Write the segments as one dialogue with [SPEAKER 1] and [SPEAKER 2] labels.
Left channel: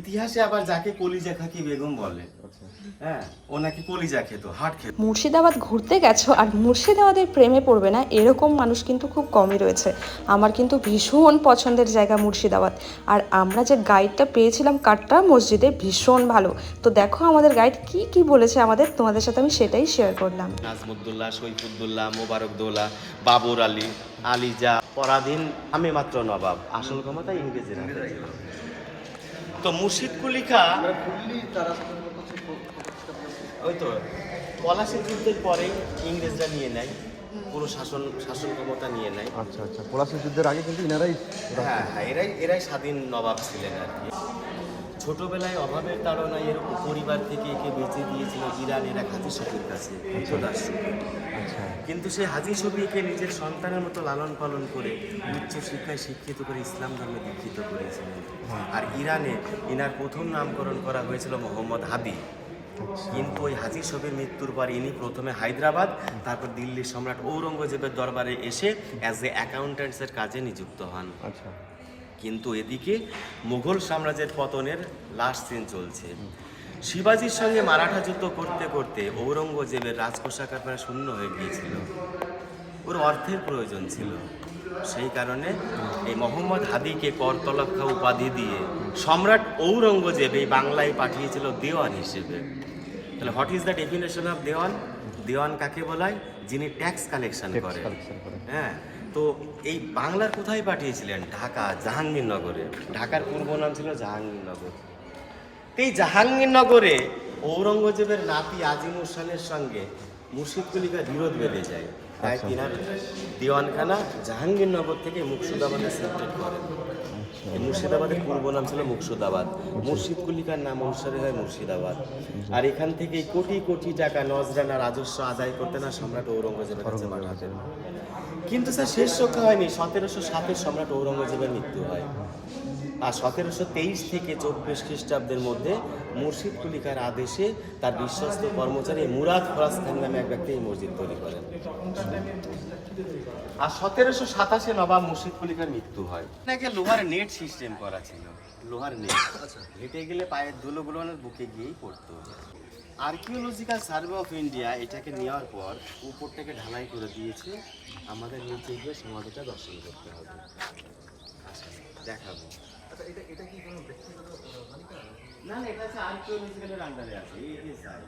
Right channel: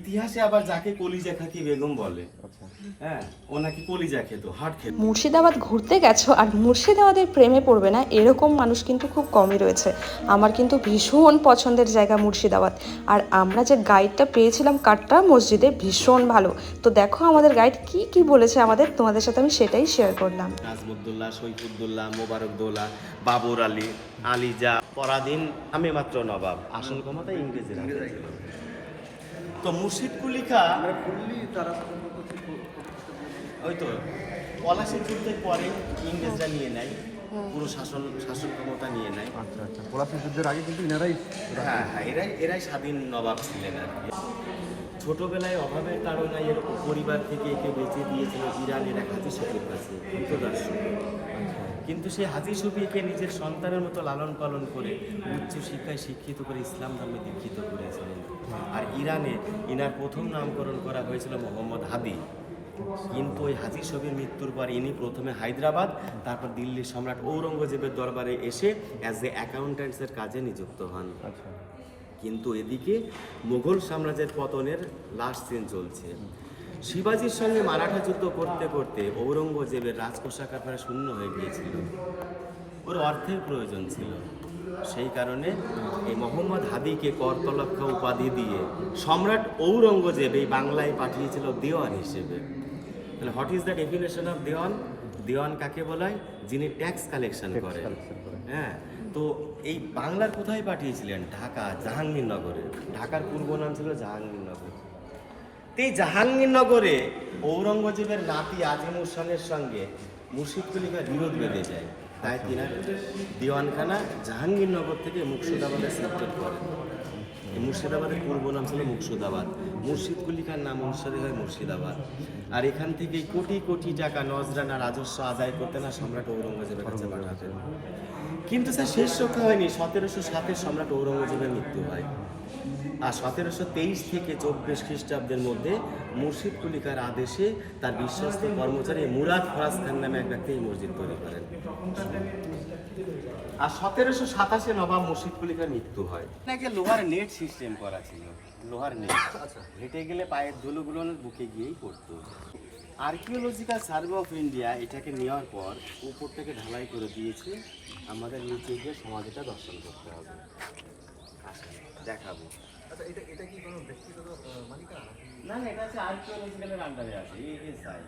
[SPEAKER 1] ইতিহাসে আবার যাকে কলিজা খাকি বেগম বলে হ্যাঁ ও নাকি কলিজা খেত হাট খেত।
[SPEAKER 2] মুর্শিদাবাদ ঘুরতে গেছো আর মুর্শিদাবাদের প্রেমে পড়বে না এরকম মানুষ কিন্তু খুব কমই রয়েছে। আমার কিন্তু ভীষণ পছন্দের জায়গা মুর্শিদাবাদ। আর আমরা যে গাইডটা পেয়েছিলাম কাটরা মসজিদে ভীষণ ভালো। তো দেখো আমাদের গাইড কি কি বলেছে আমাদের তোমাদের সাথে আমি সেটাই শেয়ার করলাম।
[SPEAKER 1] নাজমুদ্দোল্লাহ সৈফুদ্দোল্লাহ মোবারকদোল্লাহ বাবর আলী আলিজা পরাধীন আমি মাত্র নবাব। আসল ক্ষমতা ইংরেজের। তো মুর্শিদ কুলিকা ওই তো পলাশের যুদ্ধের পরে ইংরেজরা নিয়ে নেয় পুরো শাসন শাসন ক্ষমতা নিয়ে নেয়।
[SPEAKER 3] আচ্ছা আচ্ছা পলাশি যুদ্ধের আগে কিন্তু এরাই
[SPEAKER 1] হ্যাঁ হ্যাঁ এরাই এরাই স্বাধীন নবাব ছিলেন আর কি। ছোটবেলায় অভাবের কারণে এরকম পরিবার থেকে একে বেঁচে দিয়েছিল ইরানের এক হাজি শফির কাছে কৃতদাসী কিন্তু সে হাজি শফিকে নিজের সন্তানের মতো লালন পালন করে উচ্চ শিক্ষায় শিক্ষিত করে ইসলাম ধর্মে দীক্ষিত করেছিলেন। আর ইরানে ইনার প্রথম নামকরণ করা হয়েছিল মোহাম্মদ হাদি। কিন্তু ওই হাজি শফির মৃত্যুর পর ইনি প্রথমে হায়দ্রাবাদ তারপর দিল্লির সম্রাট ঔরঙ্গজেবের দরবারে এসে অ্যাজ এ অ্যাকাউন্ট্যান্টসের কাজে নিযুক্ত হন।
[SPEAKER 3] আচ্ছা।
[SPEAKER 1] কিন্তু এদিকে মুঘল সাম্রাজ্যের পতনের লাস্ট দিন চলছে। শিবাজির সঙ্গে মারাঠা যুদ্ধ করতে করতে ঔরঙ্গজেবের রাজকোষাগার প্রায় শূন্য হয়ে গিয়েছিল। ওর অর্থের প্রয়োজন ছিল। সেই কারণে এই মোহাম্মদ হাদিকে করতলক্ষা উপাধি দিয়ে সম্রাট ঔরঙ্গজেব এই বাংলায় পাঠিয়েছিল দেওয়ান হিসেবে। তাহলে what is the definition of dewan? দেওয়ান কাকে বলায়? যিনি ট্যাক্স কালেকশন করেন। হ্যাঁ। তো এই বাংলার কোথায় পাঠিয়েছিলেন? ঢাকা, জাহাঙ্গীরনগরে। ঢাকার পূর্ব নাম ছিল? জাহাঙ্গীরনগর। এই জাহাঙ্গীরনগরে ঔরঙ্গজেবের নাতি আজিমুর খানের সঙ্গে মুর্শিদ কুলিকার বিরোধ বেঁধে যায়। তাই তিনার দিওয়ানখানা জাহাঙ্গীরনগর থেকে মুর্শিদাবাদে সিলেক্টেড করেন। মুর্শিদাবাদের পূর্ব নাম ছিল মুর্শিদাবাদ। মুর্শিদ কুলিকার নাম অনুসারে হয় মুর্শিদাবাদ। আর এখান থেকে কোটি কোটি টাকা নজরানা রাজস্ব আদায় করতেন না সম্রাট ঔরঙ্গজেবের কাছে পাঠাতেন। কিন্তু স্যার শেষ রক্ষা হয়নি। সতেরোশো সাতের সম্রাট ঔরঙ্গজেবের মৃত্যু হয়। আর সতেরোশো তেইশ থেকে চব্বিশ খ্রিস্টাব্দের মধ্যে মুর্শিদ কুলিকার আদেশে তার বিশ্বস্ত কর্মচারী মুরাদ ফরাজ খান নামে এক ব্যক্তি এই মসজিদ তৈরি করেন। আর সতেরোশো সাতাশে নবাব মুর্শিদ কুলিকার মৃত্যু হয়। নাকি লোহার নেট সিস্টেম করা ছিল? লোহার নেট। হেঁটে গেলে পায়ের ধুলোগুলো বুকে গিয়েই পড়তো। আর্কিওলজিক্যাল সার্ভে অফ ইন্ডিয়া এটাকে নেওয়ার পর উপরটাকে ঢালাই করে দিয়েছে। আমাদের নিচে গিয়ে সমাধিটা দর্শন করতে হবে। আচ্ছা, দেখাবো না না এটা হচ্ছে আর্কিওলজিক্যালের আন্ডারে আছে। এই এই side।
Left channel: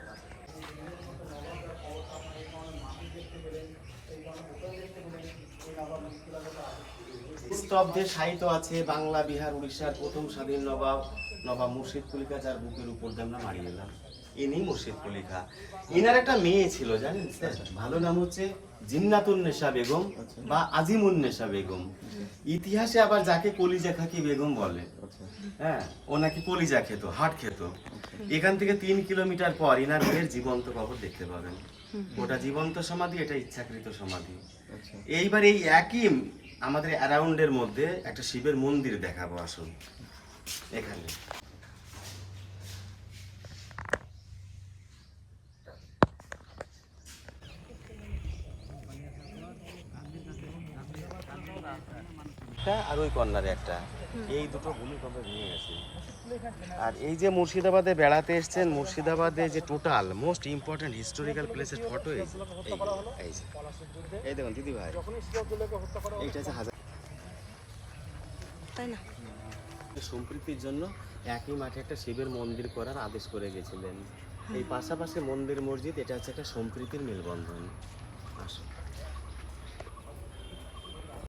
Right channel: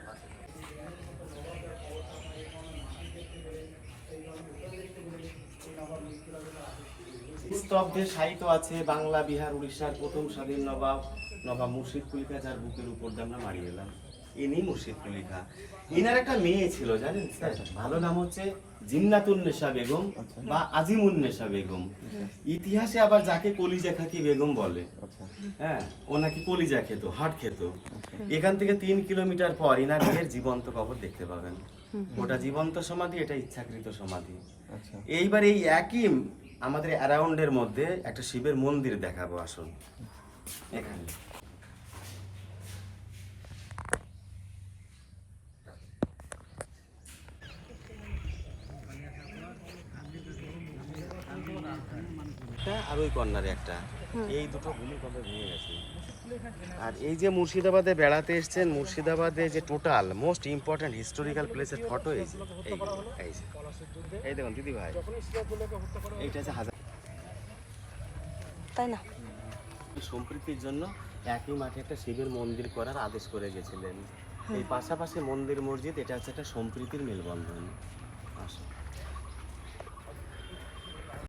[SPEAKER 1] স্তব্ধে সাহিত্য আছে। বাংলা বিহার উড়িষ্যার প্রথম স্বাধীন নবাব নবাব মুর্শিদ কুলিকা যার বুকের উপর দিয়ে আমরা মারিয়ে এলাম। ইনি মুর্শিদ ইনার একটা মেয়ে ছিল জানেন স্যার? ভালো নাম হচ্ছে জিন্নাতুন্নেসা বেগম বা আজিমুন্নেসা বেগম। ইতিহাসে আবার যাকে কলিজা খাকি বেগম বলে হ্যাঁ ও নাকি কলিজা খেত হাট খেত। এখান থেকে তিন কিলোমিটার পর ইনার মেয়ের জীবন্ত কবর দেখতে পাবেন। ওটা জীবন্ত সমাধি এটা ইচ্ছাকৃত সমাধি। এইবার এই একই আমাদের অ্যারাউন্ডের মধ্যে একটা শিবের মন্দির দেখাবো আসুন। এখানে। একটা আর ওই কর্নারে একটা। এই দুটো ভূমিকম্পে ভেঙে গেছে। আর এই যে মুর্শিদাবাদে বেড়াতে এসেছেন মুর্শিদাবাদে যে টোটাল মোস্ট ইম্পর্ট্যান্ট হিস্টোরিক্যাল প্লেসের ফটো এই দেখুন দিদি ভাই। এইটা হচ্ছে হাজার
[SPEAKER 2] তাই না?
[SPEAKER 1] সম্প্রীতির জন্য একই মাঠে একটা শিবের মন্দির করার আদেশ করে গেছিলেন। এই পাশাপাশি মন্দির মসজিদ এটা হচ্ছে একটা সম্প্রীতির মেলবন্ধন। আসুন।